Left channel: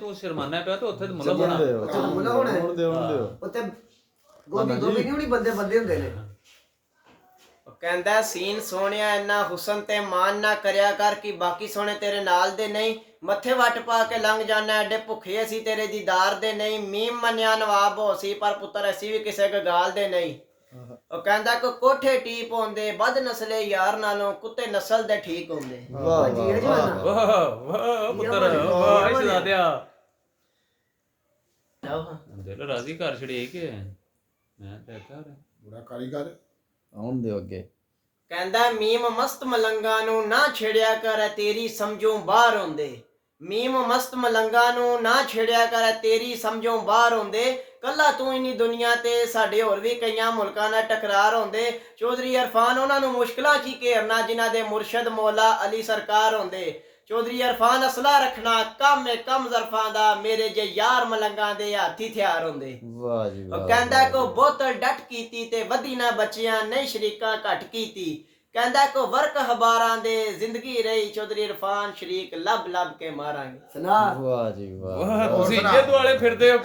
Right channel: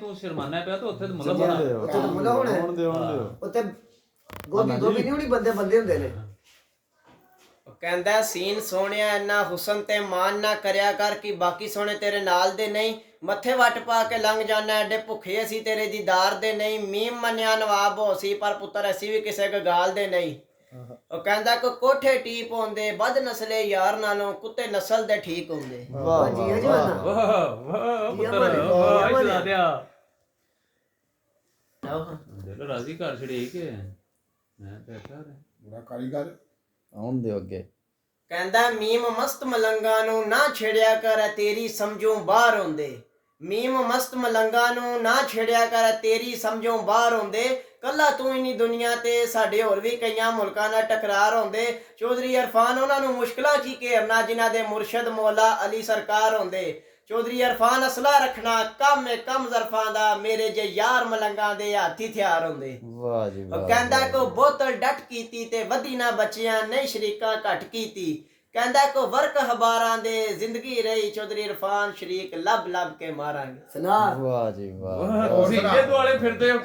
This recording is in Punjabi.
ਤੂੰ ਸ਼ਰਮਾਨਾ ਪਿਆ ਤੇ ਉੱਥੇ ਮੁੱਲਾ ਚੱਲਣ ਹੋਣਾ। ਦਿਓ ਉੱਥੇ ਤਾਂ ਮੁੱਲਾ ਹੋਣਾ ਹੈ। ਹੋਣ ਦਿਓ ਹੋਣ ਦਿਓ ਉੱਥੇ ਗੋਭੀ ਗੋਭੀ ਨਹੀਂ ਹੋਣੀ, ਬੰਦੇ ਬੰਦੇ ਹੁੰਦੇ ਨੇ। ਉਹ ਕਹਿੰਦਾ ਸੀਨ ਸੋਹਣਿਆ ਇੰਨਾ ਹੁਸਨ ਤੇ ਮਾਨ ਨਾ ਕਰਿਆ ਕਰ ਕਿ ਬਾਕੀ ਸੋਹਣੇ ਤੇਰੇ ਨਾਲ ਦੇ ਨਹੀਂ। ਮੱਥੇ ਵੱਟ ਪਾ ਕੇ ਲੰਘ ਜਾਣਾ, ਐਡੇ ਭੁੱਖੇ ਅਸੀਂ ਤੇਰੇ ਦੀਦਾਰ ਦੇ ਨਹੀਂ। ਮੀਮ ਮੰਨਿਆ ਨਵਾਬ ਹੋ ਸੀ ਪਰ ਪੁੱਤਰ ਅਸੀਂ ਵੀ ਕਿਸੇ ਗਾਲ ਦੇ ਨਹੀਂ। ਉਹ ਕਹਿੰਦਾ ਕੋ ਕੋਠੇ ਟੀਪ ਹੁੰਦੇ ਬਦ ਨਸਲੇ ਯਾਰ ਨਾਲੋਂ ਕੁੱਤੇ ਨਸਲ ਦੇ ਠੀਕ ਹੁੰਦੇ। ਵਾਹ ਜੀ ਵਾਹ ਜੀ ਵਾਹ। ਨਾ ਵਾਹ ਪੁੱਤਰ ਯਮਨ, ਵਾਹ ਯਮਨ। ਸੁਣਾ ਦਿਆ ਆਹੋ। ਦਿਲ ਰਾਜ਼ੀ ਕਰ ਛੜੇ ਕਿ ਮੈਂ ਤਾਂ ਕਿਹਾ ਬੜਾ ਕਾਰੀਗਰ ਆਉਣ ਦਿਓ ਅੱਗੇ। ਕਹਿੰਦਾ ਮੀਮ ਮਸਤ ਮਲੰਗਾ ਨੂੰ ਨਾ ਛੇੜਿਆ ਕਰ ਤੇਰੀ ਸਮਝੋਂ ਬਾਹਰ ਹੁੰਦੇ। ਮੀਮ ਮਸਤ ਮਲੰਗਾ ਨੂੰ ਨਾ ਛੇੜਿਆ ਕਰ ਤੇਰੀ ਸਮਝੋਂ ਬਾਹਰ ਹੁੰਦੇ। ਕੱਲਾ ਤੂੰ ਇਨੀ ਦੁਨੀਆ ਤੇ ਸਾਡੇ ਹੋਰ ਵੀ ਕਈਆਂ ਮੁਲਕਾਂ ਨਾਲ ਟਕਰਾਰ ਹੁੰਦੇ। ਚੌਧਰੀ ਇਰਫਾਨ ਉਹਨਾਂ ਨੂੰ ਮੁਸ਼ਕਲਾਂ 'ਚ ਹੀ ਘੇਰਨਾ ਜਿਨ੍ਹਾਂ ਦੇ ਮੁਰਸ਼ਦ ਮੌਲਾ ਅਲੀ ਸਰਕਾਰ ਹੁੰਦੇ। ਚੌਧਰੀ ਇਰਫਾਨ ਅਸਲਾ ਰੱਖਣਾ ਕੰਮ ਜ਼ਰਫਾਂ ਦਾ ਮੇਰੇ ਜੇ ਯਾਰ ਮਲੰਗਾਂ ਦੇ ਹੱਥੀ ਹਥਿਆਰ ਹੁੰਦੇ। ਵਾਹ ਜੀ ਵਾਹ। ਉਹ ਕਹਿੰਦਾ ਕੋ ਬੋਤਲ ਡਟ ਕੀਤੀ ਤੇ ਵਧੀ ਨਾ ਬੱਚਿਆਂ ਨਹੀਂ ਸ਼ਰੀਕਾਂ ਘਟ ਕੀਤੀ। ਕਹਿੰਦਾ ਕੋ ਵਰਕ ਹਬਾਰਾਂ ਦੇ ਜ਼ਿੰਦਗੀ ਰਹੀ ਚੌਧਰੀ ਇਰਫਾਨ ਸ਼ਰੀਕ ਲੱਭ ਲੱਭ ਕੇ ਮਾਰਾਂਗੇ। ਸੁਣਾ ਵਾਹ ਜੀ ਵਾਹ। ਤੁਸੀਂ ਇਹ ਦੁਆਲੇ ਫਿਰਦੇ ਹੋ